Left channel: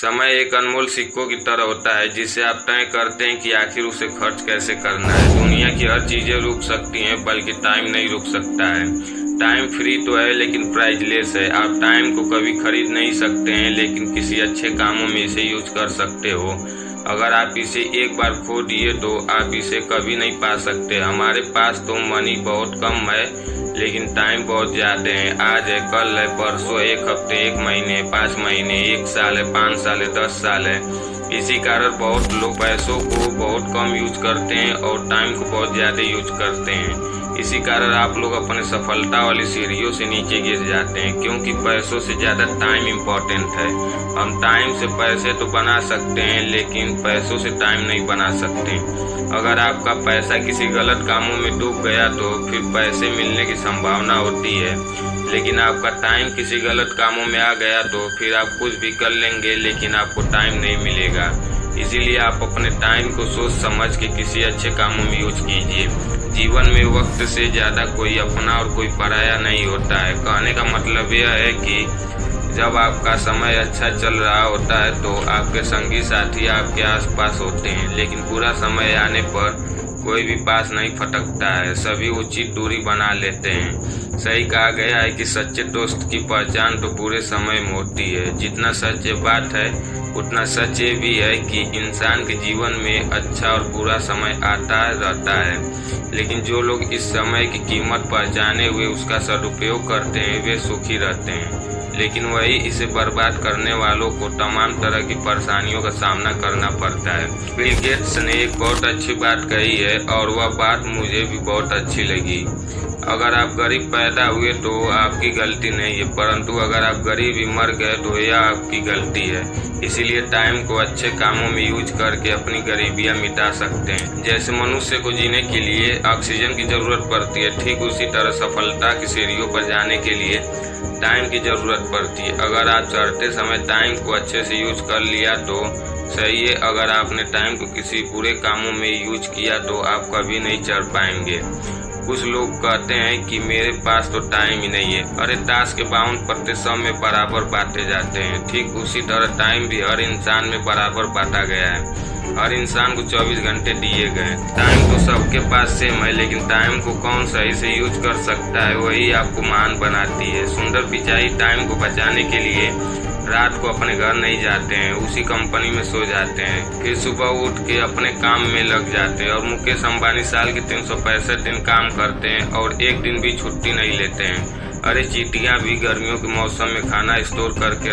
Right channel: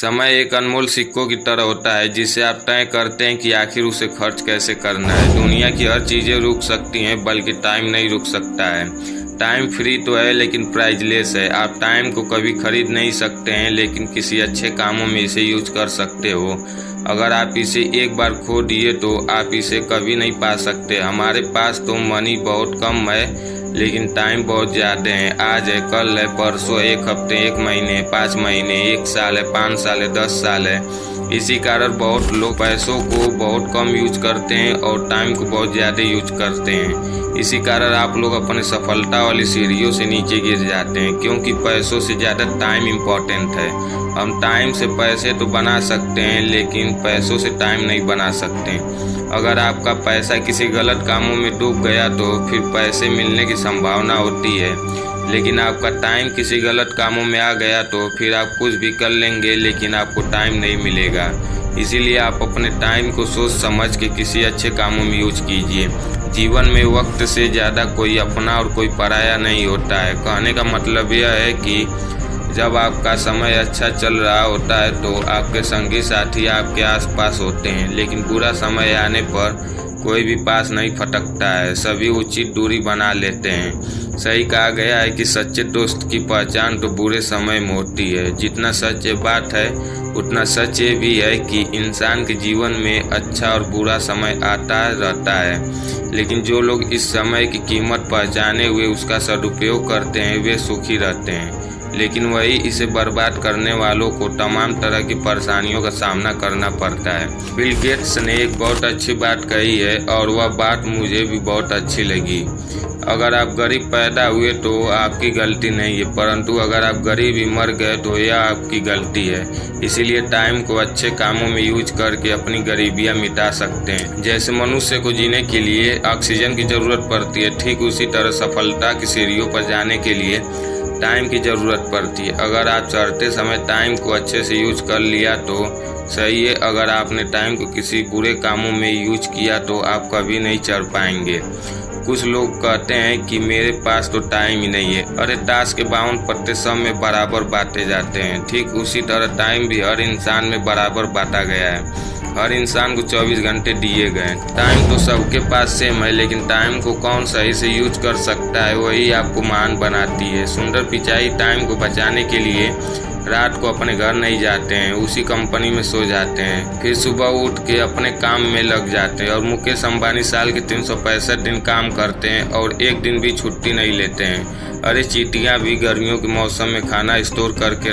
समय एक अनमोल सिक्कों की तरह होता है जिसे आप तय करते हैं कि आखिर उसे खर्च कैसे करना है। दुनिया की हर चीज़ें रुक सकती हैं, बल्कि टाइम नहीं रुक सकता है। टाइम फ्री तो है लेकिन प्राइजलेस है। आप टाइम को कभी खरीद नहीं सकते हैं, लेकिन किसी अच्छे कामों में इसे यूज कर सकते हो। अगर आप इसे एक बार खो दिए तो आप इसे कभी नहीं पा सकते। हमारे पास तो मनी बहुत कम है, लेकिन टाइम बहुत ज़्यादा है। आज है, कल है, परसों, एक हफ्ते, एक महीने, 5 महीने, 1 साल है, 5 साल है, 10 साल है। इसी कारण बहुत लोग पैसों को बहुत कम यूज करते हैं और टाइम को बहुत ज़्यादा यूज करते हैं। इसी कारण आप लोग अपने सफलता वाली सीढ़ियों से नीचे गिर जाते हैं, क्योंकि पैसों से ज़्यादा टाइम इम्पोर्टेंट है। हम टाइम से पैसे तो बना सकते हैं, लेकिन पैसों से टाइम नहीं बना सकते। अगर आपका पैसा किसी गलत कामों में डूब गया तो फिर पैसे मिलने की संभावना होती है, लेकिन आपका टाइम किसी गलत कामों में आ गया तो फिर आप कुछ भी कर लेंगे, लेकिन आपको टाइम नहीं मिलेगा। इसीलिए आप अपने टाइम को सोच समझ के किसी अच्छे कामों में यूज कीजिए। जीवन में वक्त से ज़्यादा कोई अपना और कोई पराया नहीं होता है। कहने का मतलब यह है कि जब आपका समय अच्छा चल रहा होता है तो आपके संगी साथी आपके आसपास होते हैं, लेकिन बुरा समय आने पर कोई भी पास नहीं फटकता है। सभी उचित दूरी बना लेते हैं। सही कहा गया है कि सच्चे दोस्त की पहचान तो बुरे समय में होती है। जितना सच ये बात है, उतना सच ये भी है कि इंसान के जीवन में अच्छा और बुरा समय आता रहता है, लेकिन जो लोग इस समय की कीमत पहचाने हुए उसका सदुपयोग करते हैं वे सुखी रहते हैं। लेकिन वही इसे बर्बाद करने वालों को तमाम तरह की परेशानियों का सामना करना पड़ता है। बिल गेट्स ने एक बहुत अच्छी बात कही है और वह बात मुझे भी बहुत अच्छी लगी। अगर आप गरीब पैदा हुए तो आपकी गलती नहीं है, परंतु अगर आप गरीब ही मर गए तो यह आपकी गलती है। इसीलिए टाइम को अच्छे कामों में यूज करके अपनी गरीबियां मिटा सकते हैं। जैसे मनुष्य को जीने के लिए ऑक्सीजन की जरूरत पड़ती है, ठीक उसी तरह सफलता की सीढ़ियों पर जाने के लिए टाइम की ज़रूरत पड़ती है। अगर आप चढ़ते समय टाइम को अच्छे से यूज कर लिया तो सही है, अगर आपने टाइम को किसी बुरे कामों में यूज किया तो आप कभी नहीं चढ़ पाएंगे। कुछ लोग कहते हैं कि मेरे पास तो टाइम ही नहीं है। अरे ताश के 52 पत्ते सब में बराबर बांटे जाते हैं। ठीक उसी तरह टाइम भी हर इंसान में बराबर बांटा गया है। हर इंसान को 24 घंटे दिए गए। टाइम तो सबके पास सेम है, लेकिन टाइम को कौन सही से यूज कर सकता है वही आपको महान बनाती है। सुंदर पिचाई टाइम को बचाने के लिए रात को अपने घर नहीं जाते हैं, उसी कंपनी में सो जाते हैं, फिर सुबह उठ के अपने काम में लग जाते हैं। और मुकेश अंबानी साल के 365 दिन काम करते हैं और एक दिन भी छुट्टी नहीं लेते हैं। अरे चींटियां भी गर्मियों के मौसम में खाना स्टोर करके